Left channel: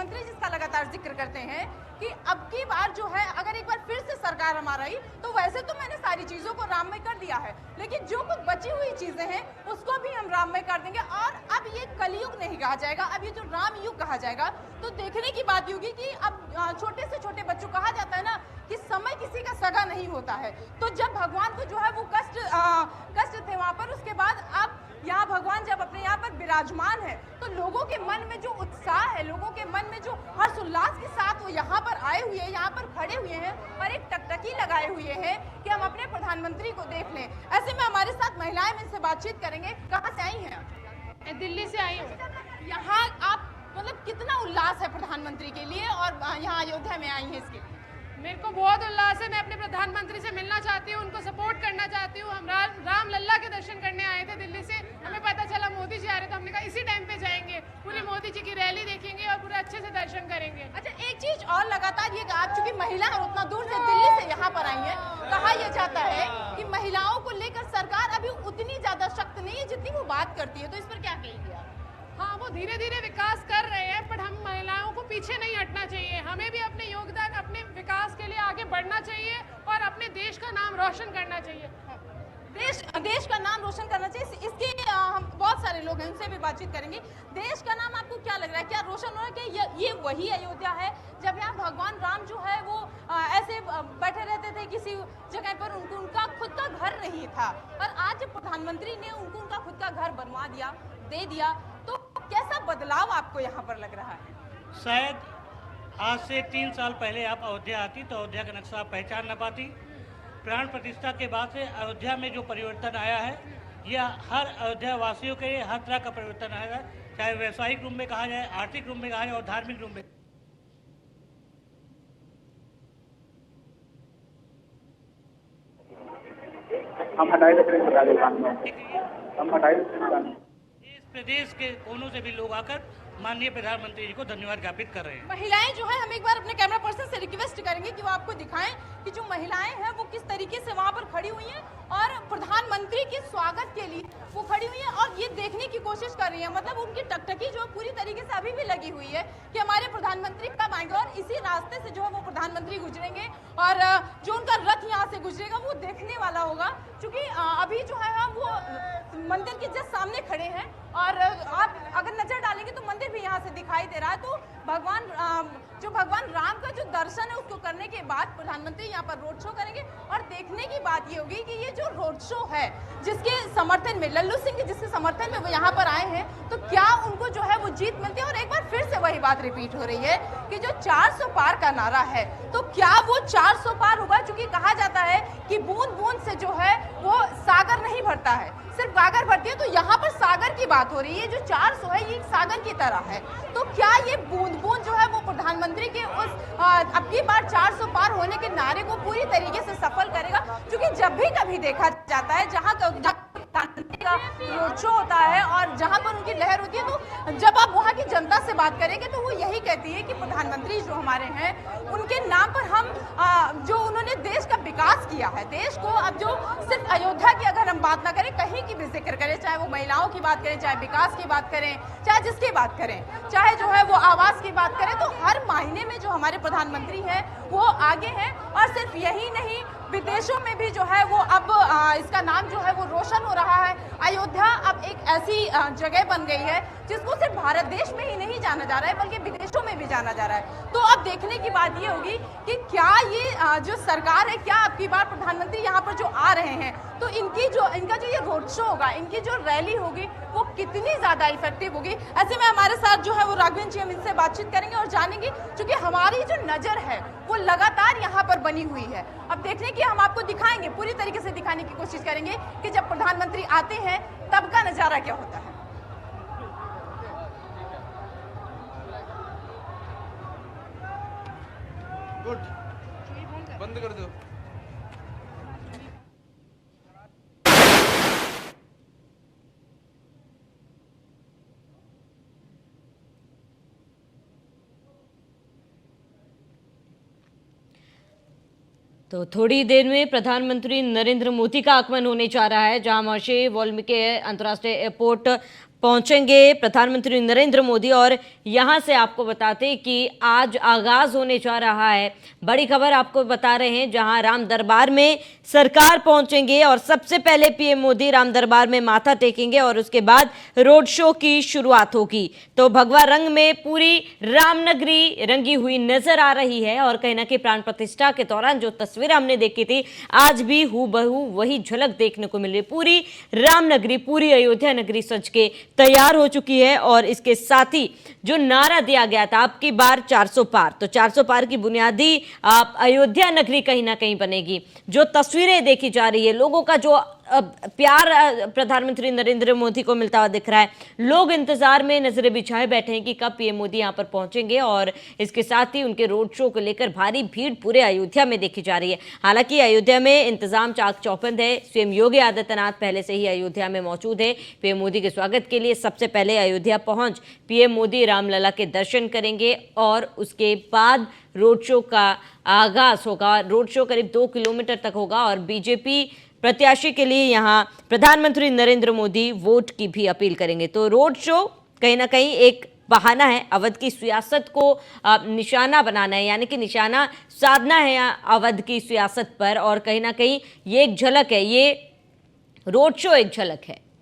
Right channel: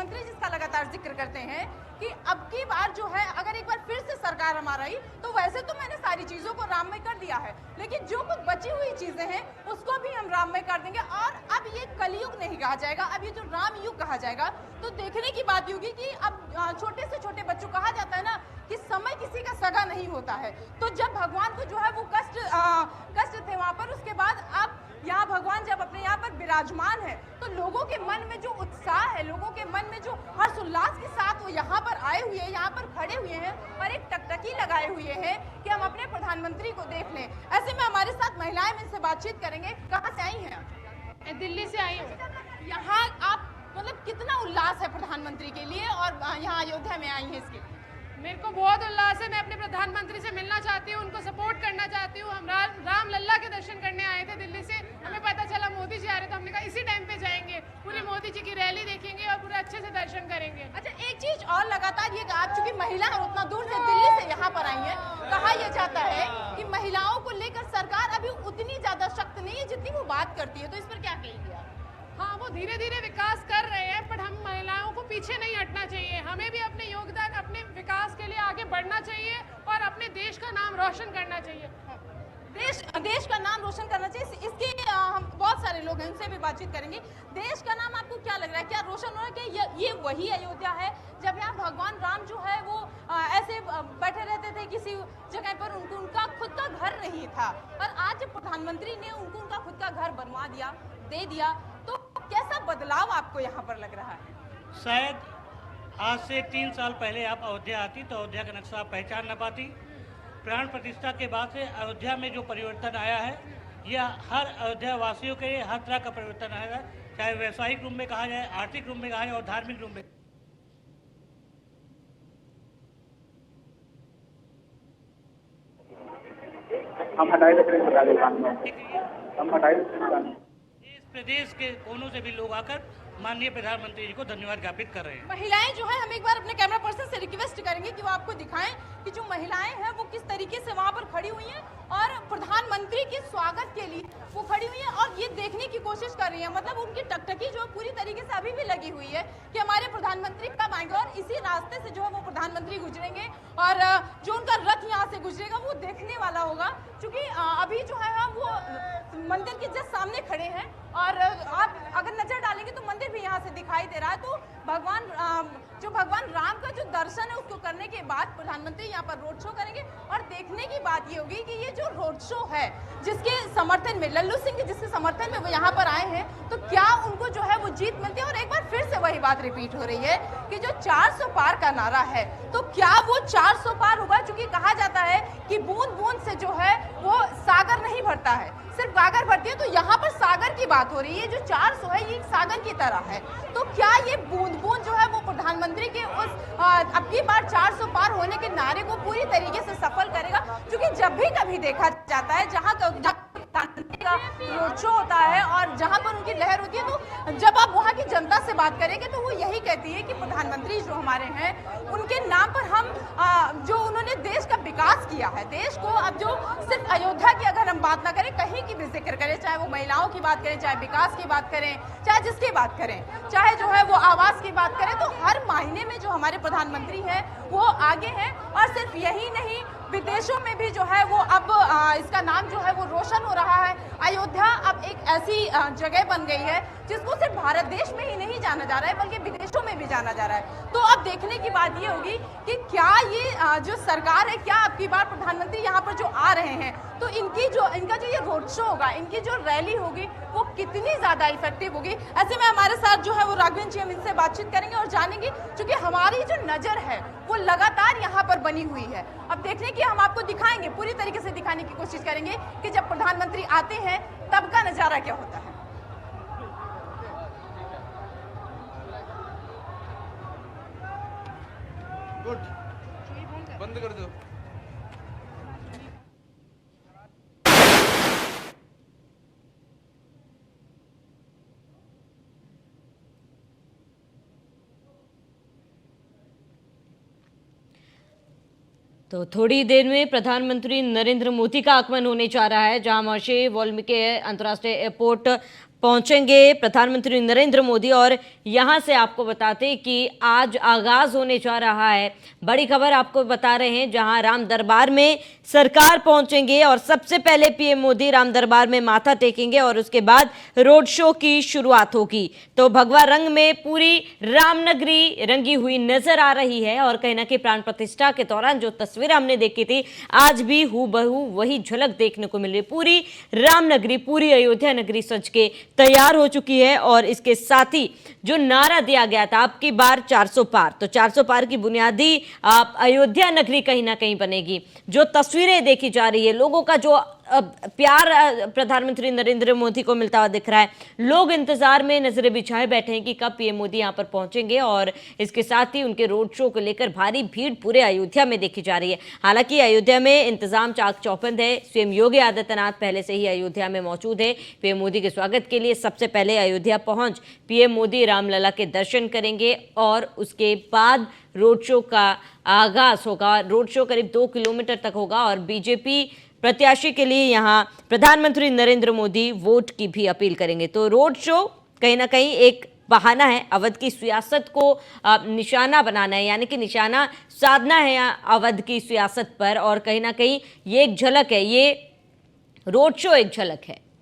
प्रधानमंत्री जिसका लगातार जिक्र करते हैं कि अब की बार जो है अगर एक बार फिर से सरकार हमारा आई तो वैसे तो मैंने सारी चीजों को राममय कर दिया है, लेकिन जो कुछ बची हुई चीजें हैं उसको भी हम राममय कर देंगे। और अब ये कलयुग नहीं कहा जाएगा, अब ये जो राम युग कहा जाएगा। तो देखने की बात होगी कि अब छोटे से छोटे बच्चों, कहा जाता है ना कि समय किसी का सगा नहीं होता है, तो जब भगवान को जो है वो कष्ट थे वहां पर, उसके बाद अब यहाँ भगवान जब अपने यहाँ पर विराजमान है तो लोगों के मन में जो उत्साह है, लोगों के मन में जो हर्ष उल्लास के साथ वो यहाँ पर आए हुए हैं, यहाँ पर खड़े हुए हैं और एक टकटकी लगाए हुए हैं कि हम अपने प्रधानमंत्री को देख लें। ऐसे में हमारे साथ महिलाएं इनसे बातचीत करेंगे। कहाँ से आई हैं? दिल्ली से आई हूँ। यहाँ आप मतलब कितना उल्लास है प्रधानमंत्री के लिए और यहाँ अयोध्या में आई है इसके? मेरे को बहुत उल्लास है। मैं अपने प्रधानमंत्री से मिलना चाहती हूँ, उनको सपोर्ट करना चाहती हूँ। हम राम लल्ला के दर्शन करने आए थे दिल्ली से, हमें पता चला मोदी जी आ रहे, तो हमने कहा इसी टाइम पे जाएंगे, पूरी मोदी जी की रैली देखेंगे और पूरे अच्छे से दर्शन करेंगे। अच्छा, एक चीज और लगातार ये आप चूंकि महिला उतना दूर से दिल्ली से यहाँ पर आई है, कहा यह जाता है कि महिलाओं को लेकर सरकार अभी उतनी ज्यादा सख्त नहीं है जितनी वो बात करती है, तो इस पर क्या कहेंगे आप? हाँ, वो धीरे धीरे विकास कर रहे हैं, पर हम महिलाओं को पीछे नहीं हटना चाहिए। हमें भी अपने योगदान, अपने विकास के लिए आगे बढ़ना चाहिए और अपने देश का नाम रोशन करना चाहिए। देश का नाम रोशन करना चाहिए। इसके हम बहुत सारे लोग हैं, उनसे भी बातचीत करेंगे। देश का नाम आपको क्या लग रहा है, क्या रोशन हो रहा है कि ये वही अयोध्या है जब यहाँ भगवान राम जो है वो ऐसे बैठे रहते थे किसी जगह पर, उनका खुद का घर नहीं था, और आज प्रधानमंत्री ने उनका खुद का घर बनवा दिया, दे दिया, तो कैसा बदलाव आपको यहाँ पर लग रहा है? शायद आज से 3 साल पहले आप अयोध्या आती तो अयोध्या का नक्शा आप पहचान न पाती। प्राण प्रतिष्ठा के बाद से अयोध्या में जो परिवर्तन आया है, यह हर अयोध्या वासियों के लिए हर तरह का परिवर्तन आया है, चाहे व्यवसायिक रूप में कहा जाए, आर्थिक रूप में कहा जाए और धार्मिक रूप में। इस प्रदेश के कोनों से भी लोग आकर माननीय प्रधानमंत्री जी को धन्यवाद ज्ञापित कर रहे हैं। महिलाएं जो है, हम एक बार अपने कैमरा पर्सन से रिक्वेस्ट करेंगे कि वो आपको दिखाएं कि जो महिलाएं हैं वो किस तरीके से वहां पर खड़ी हुई हैं और प्रधानमंत्री के स्वागत के लिए वो खड़ी हुई है और ये देखने की कोशिश कर रही है। मतलब उनकी टकटकी जो पूरी तरीके से अभी भी लगी हुई है कि हमारे प्रधानमंत्री कब आएंगे, और इसी रास्ते से जो है वो प्रधानमंत्री गुजरेंगे और जो उनका रथ यहाँ से गुजरेगा वो देखने वाला होगा। क्योंकि अभी जो है हम वो मंदिर के जस्ट सामने खड़े हैं और आप अगर नजर डालेंगे तो मंदिर भी यहाँ से दिखाई दे रहा है। तो भगवान राम का जो दर्शन है उसको करने के बाद प्रधानमंत्री यहाँ पर रोड शो करेंगे। और देखने की बात ये होगी कि ये जो रोड शो है जिसके समर्थन में लल्लू सिंह के जिसके समर्थन में वो यहाँ पर आए हैं, तो क्या उनको जो है वो जीत मिलती है? और एक बार फिर से वही बात रिपीट हो रही है कि जो 400 पार का नारा है, तो क्या वो 400 पार होगा? क्योंकि कहा जाता है कि बूंद बूंद से जो है वो सागर नहीं भरता है, सिर्फ गागर भरती है। तो यहाँ पर सागर की बात हो रही है, जो 400 है ये सागर की तरह है। तो क्या ये बूंद बूंद जो है वो प्रधानमंत्री के उस अब की बार 400 पार होने के नारे को पूरी तरीके से सफल करेगा? क्योंकि जब भी कभी देखा जाता है जहाँ का रोड शो होता है और जहाँ पर उनकी लहर होती है, तो जब आप वहाँ की जनता से बात करेंगे तो वो यही कहती है कि प्रधानमंत्री जो हमारे हैं उनके नाम पर हम जो उन्होंने देश का विकास किया है, देश को अब जो सिर्फ अयोध्या की अगर हम बात ना करें, कहीं की भी जिक्र करें, चाहे वो महिलाओं की बात करें, चाहे विकास की बात करें, चाहे जिसकी बात करें, चाहे जो है वो आवास की बात करें, तो हर मायने में जो हमारे प्रधानमंत्री हैं वो आगे हैं। और सिर्फ यही नहीं, विदेशों में भी जो है वो अब इसका नाम जो है वो रोशन हो रहा है। अयोध्या अब एक ऐसी जगह बन गई है जिसको सिर्फ भारत देश में ही नहीं जाना जा रहा है बल्कि विदेशों में भी जाना जा रहा है। तो अब देखने की बात ये होगी कि क्या ये जो सरकार है, क्या अब की बार प्रधानमंत्री यहाँ पर जो आ रहे हैं तो इनका जो ये रोड शो होगा, इनकी जो रैली होगी वो कितनी ज्यादा इफेक्टिव होगी। ऐसे में हमारे साथ जो है वो राघवेंद्र जी, हम इनसे बातचीत करेंगे और जानेंगे, क्योंकि हमारी जो नजर है वो लगातार यहाँ पर बनी हुई है। अब देखने की हम आपको दिखाएंगे, पूरी तरीके से दिखाने की कोशिश करेंगे कि जब प्रधानमंत्री आते हैं तब का नजारा क्या होता है। गुड, बंद कर दो। तो थोड़ी देर में प्रधानमंत्री नरेंद्र मोदी का आगमन होने जा रहा है, जहां महर्षि वाल्मीकि अंतर्राष्ट्रीय एयरपोर्ट पहुंचेंगे प्रधानमंत्री नरेंद्र मोदी। और यहां से आपको बताते कि आज आगाज होने जा रहा है, बड़ी खबर आपको बता रहे हैं, जहां राम दरबार में सरकार पहुंचेंगे और सबसे पहले पीएम मोदी राम दरबार में माथा टेकेंगे और उसके बाद रोड शो की शुरुआत होगी। तो भगवा रंग में पूरी रामनगरी रंगी हुई नजर आ रही है और कहीं ना कहीं प्राण प्रतिष्ठा के दौरान जो तस्वीरें हमने देखी थी, आज भी हूबहू वही झलक देखने को मिल रही। पूरी रामनगरी, पूरी अयोध्या नगरी सज के तैयार हो चुकी है और इसके साथ ही जो नारा दिया गया था अब की बार 400 पार, तो 400 पार की बुनियादी अयोध्या नगरी कहीं ना कहीं बनेगी। जो तस्वीरें देखी जा रही है, लोगों का जो प्यार प्रधानमंत्री नरेंद्र मोदी को मिलता हुआ दिख रहा है, लोग इंतजार में नजरें बिछाए बैठे हैं कि कब पीएम मोदी यहां पर पहुंचेंगे और इसके साथ ही उनके रोड शो को लेकर भारी भीड़ पूरे अयोध्या में देखी जा रही है। हालांकि अयोध्या में इंतजाम चाक चौबंद है, स्वयं योगी आदित्यनाथ पहले से ही अयोध्या में मौजूद है। पीएम मोदी के स्वागत के लिए सबसे पहले अयोध्या पहुंच पीएम मोदी रामलला के दर्शन करेंगे और उसके बाद रोड शो का आगाज होगा। रोड शो करीब 2 किलोमीटर तक होगा और बीजेपी प्रत्याशी के लिए यहां प्रधानमंत्री नरेंद्र मोदी वोट की भी अपील करेंगे। तो रोड शो कहीं ना कहीं एक बहाना है अवध की सियासत को निशाना बनाना है, यानी कि निशाना साधना है अवध की सियासत पर, और कहीं ना कहीं ये एक झलक है, ये रोड शो एक झलक है।